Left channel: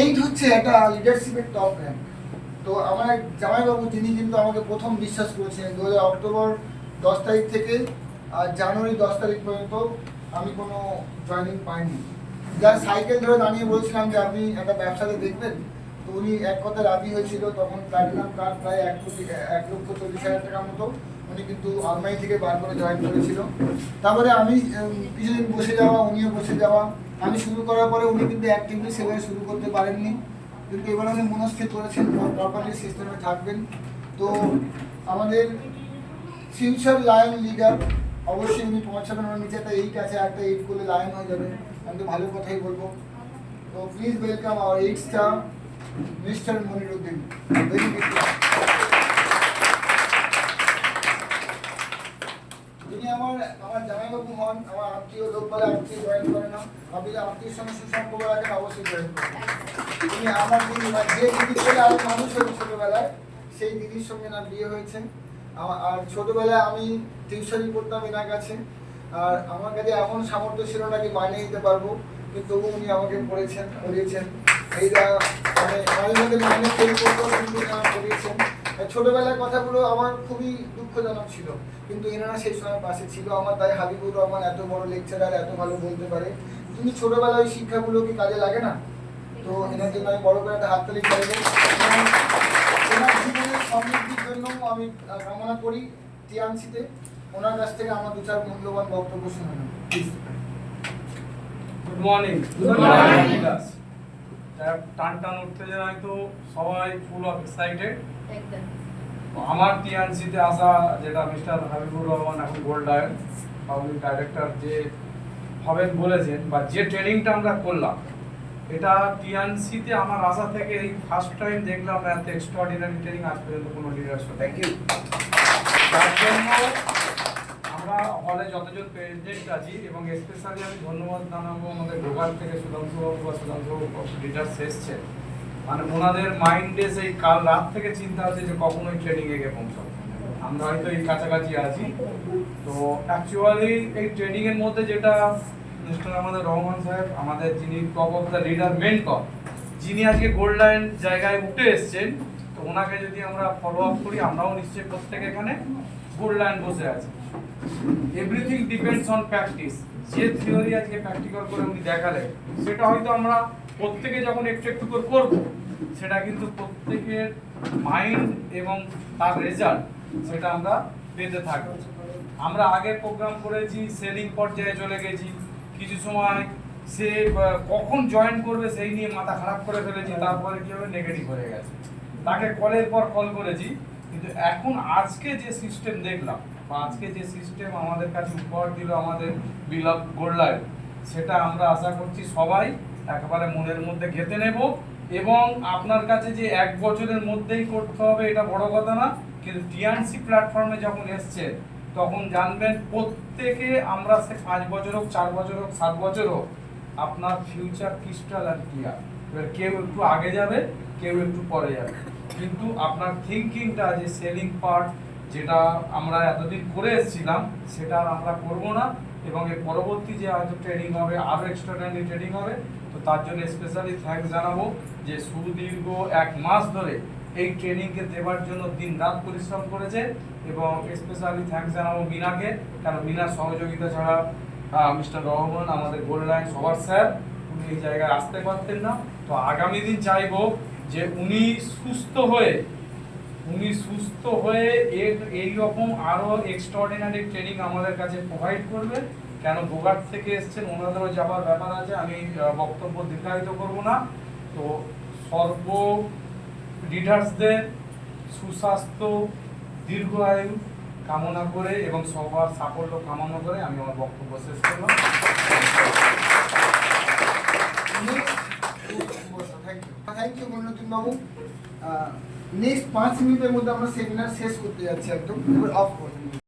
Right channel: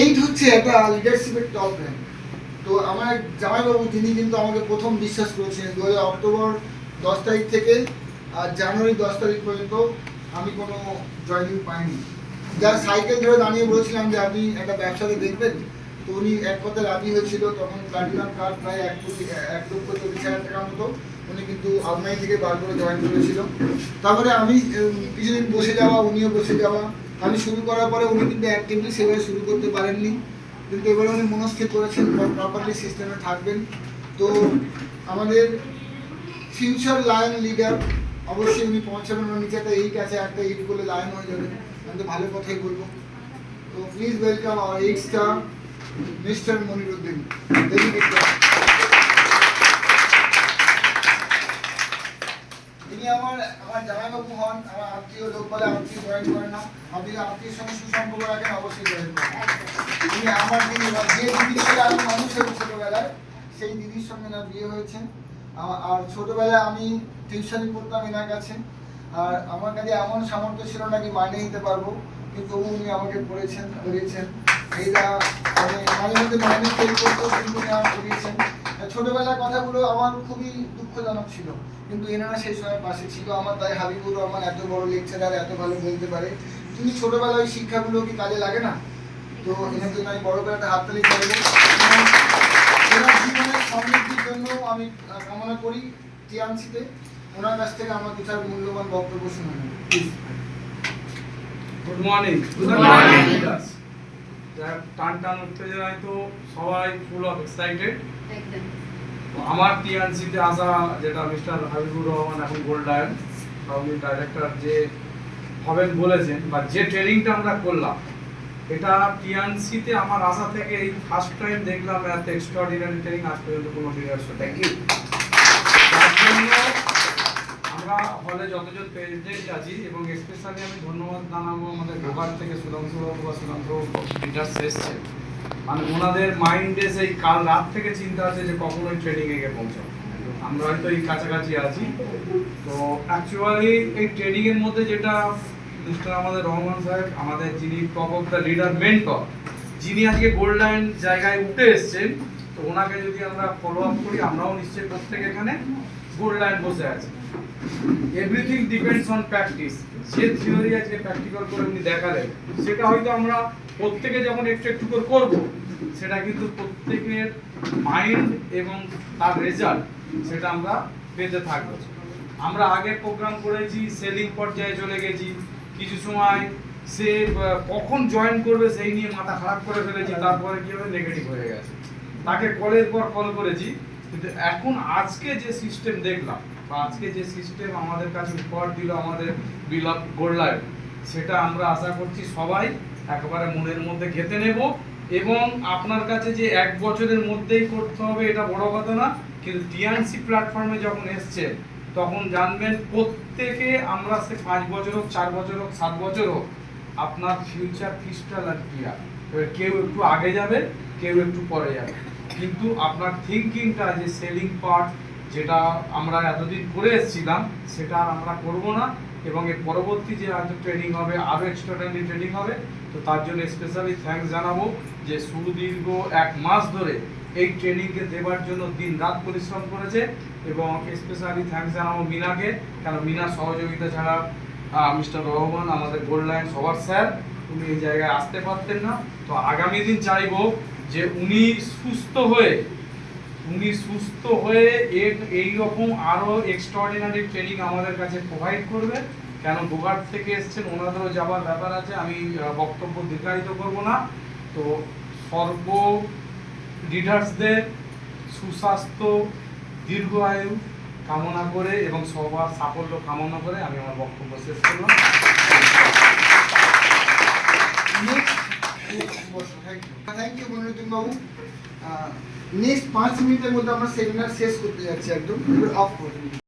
Eight হচ্ছে একটা লিডারশিপের top rank. তো আমার এক জামাইবাবু তিনি কিন্তু আমাকে প্রথম বিশ্বাস করেছিলেন। অক্টোবর 10 তারিখ থেকে জানুয়ারি 10 তারিখ পর্যন্ত আমি কোনো জয়েনিং পাইনি। যার সাইকেল ধরে দাঁড়িয়ে বলছিলাম যে আপনি একটা ব্যবসাতে দেখবেন, তো উনি এক কথায় রাজি হয়েছিল। তখন প্ল্যাটিনাম কার্ড প্রায় 1,40,000 টাকার মতো উনি কিন্তু আলমারি থেকে বার করে জয়েন করেছিল। তারপরে আমি কিছুদিন বসে যাওয়া, উনিও বসে যাওয়া, আমি শুরু করার পরে উনি কিন্তু অ্যাক্টিভলি সেভাবে শুরু করতে পারেননি। কিন্তু এবার উনি মনস্থির করেছেন প্রপারলি সিস্টেমে থাকবেন। তো আমাদের ফিউচার লায়ন লিডার অবশ্যই উনি পৌঁছাবেন। ওর নিচে একটা 8 আছে, একটা 8 করলে লায়ন হয়ে যাবেন। আমি তো ভালো কথাই বলবো। তো please welcome hour 8 star mister Moniruddin. তিনি আমার জামাইবাবু হন, আমার আত্মীয়। লোক বলে আত্মীয় জয়েন করে না, আপনি আত্মীয়ের সঙ্গে সুসম্পর্ক রাখেন, অবশ্যই জয়েন করেন। তিনি আমার দিদি, যে দিদি ছেলে আমি মানুষ হয়েছি ছোটবেলায়, সেই দিদির সঙ্গে না বিয়ে হয়েছে। আর ছোটবেলায় আমি টিউশনি পড়তাম এনার কাছে। আর আমার কাছে এমন সামর্থ্য ছিল না কি মাইনে নিতে পারবো, কিন্তু উনি আমাকে পড়িয়েছেন। এইটা মানে মাঝে মধ্যে মাইনে ফেল করতেও কিন্তু আমাকে পড়িয়েছেন। ছোটবেলার কথাগুলো আমার খুবই দুঃখজনক ছিল, কিন্তু এনারা সেই সময় পাশে ছিল আমার। তাই হাবিবুর রহমান এত বড় লেকচারার, এত ভালো বলতে পারে। কিন্তু ছোটবেলায় ওই শিক্ষাগুলো কি কাজে লাগে না? তো এনার জন্য আমি বড় করে একটা হাততালি চাইবো। এনার জীবনের সমৃদ্ধির জন্য আমি কামনা করি টিএমসিতে। ওনার কাছ থেকে আমার দু চার মূল্যবান বক্তব্য শুনুন। Good morning. Good morning. টান উত্তেজনায় তো সবাই ফুল অফ এক্সাইটেড। আমার টিএনসিতে আসা, যেটা মিস্টার হাবিবুর রহমান এখন গোল্ড লায়ন পাবলিক ডাইরেক্টর যে হবেন বলেছেন, বা যে ট্রেনিংটা আমরা করলাম, এটা টিএনসিতে আমার আসা থেকে এই ফার্স্ট টাইম দেখলাম এত এক্সট্রাঅর্ডিনারি ট্রেনিং আজ পর্যন্ত কোনো লিডারশিপ। Thank you. তার জন্য আমরা হলে যতজন প্রেসিডেন্ট আছি, এবং স্পেশালি আমি ধন্যবাদ জানাবো আমাদের গোগার থেকে সুধাংশুবাবু বা সুধাংশুবাবু লিডার্স এসছে। মানে ওনাদের মাইন্ডে সেই কাল রাত থেকে চিন্তা আছে যে কখন ওই ট্রেনিংয়ে গিয়ে পৌঁছাবো। আমরা হয়তো এই কাছাকাছি আছি। তো অ্যাকচুয়ালি এই ট্রেনিংয়ের মধ্যে যেটা মিস্টার আমাদের রহমান সাহেব, আমাদের যিনি top of the leader mentor, যিনি আজকে গোল্ড লায়ন জায়গায় উঠে এসছেন, তো ওনাকে যদি আমরা ফলো আপ করি, আমরাও নিশ্চয়ই প্রত্যেক এখানে গোল্ড লায়ন বসে আছি। Everything depends on practice. যে থিওরি আজকে প্র্যাকটিক্যাল করে উনি দেখালেন, সেটা হয়তো আমরা প্রত্যেকে যখন একটু একটু করে করবো, সেটা কিন্তু প্রত্যেকের মাইন্ড এবং তার রেজাল্ট সেটা আমরা পেতে থাকবো। আমরা আগে প্রোগ্রাম করেছি, সেলিং পর্যায়ে চলে গেছি, কিছু সময় সে কখন জয়েন করবে সেই নিয়ে মাথা খারাপ করে ফেলেছি, তারপরে কি হবে নেগেটিভ হয়ে গেছে, তাকে কলের পর কল করেছি। কিন্তু এখন আজকে যে সিস্টেম দেখলাম, বা আজকে যে সিস্টেম আমাদের কাছে উপহার দিল আমাদের বিলাভ গোল্ড লায়ন, সেটা আমরা আশা করছি সবাই একেবারে মনের মধ্যে গেঁথে নেব। এবং আপনার কাছে যে 1 বছরের মধ্যেই করতে হবে এটা বড় কথা না, কিন্তু টিএনসি প্ল্যাটফর্মে যখন এসছেন তখন জানবেন প্রত্যেকে আমরা সে 5 বছর হোক, 4 বছর হোক, 7 বছর হোক, আপনার ফিউচার ক্রিস্টাল আর ক্লিয়ার। এবার কেউ একটু আগে যাবে, কেউ একটু পরে যাবে, কিন্তু আপনার থিঙ্কিংটা যে সেলিং পার্ট যেটা আমরা এতদিন করে এসেছিলাম, সেটা আর আমরা করবো না। এবং এর পরবর্তী যে আজ ট্রেনিং হবে, আরও এক্সট্রাঅর্ডিনারি ট্রেনিং হবে। তো তার জন্য স্পেশালি থ্যাঙ্কস জানাবো যে সুদীর্ঘ 1 মাস ধরে এই ট্রেনিংকে দেওয়ার জন্য দিন রাত পরিশ্রম করেছে। এবং স্পেশালি থ্যাঙ্কস জানাবো মিনাকে, কারণ মিনার সহযোগিতা ছাড়া মিস্টার রহমান আমাদের গোল্ড লায়ন সবার স্যার, উনি এই জায়গায় আসতে পারতেন না। তো আগামী দিন চাইবো যে উনি সুস্থ হয়ে এইরকম আরও এক্সট্রাঅর্ডিনারি ট্রেনিং আমাদের কাছে প্রোভাইড করবে। কেন গোঘাট থেকে এসছেন, ওনাদেরও যাবার ব্যাপার আছে, আমি বক্তব্য দীর্ঘায়িত করব না। তো সর্ব লিডার্সদের সুস্বাস্থ্য, দীর্ঘ আয়ু কামনা করে এবং সবার সাফল্য কামনা করে আমি আমার বক্তব্য শেষ করলাম। Thank you Moniruddin Babu. Next 5 মিনিটের মধ্যে আমরা সেমিনার শেষ করতে যাচ্ছি, একদম অফ করুন।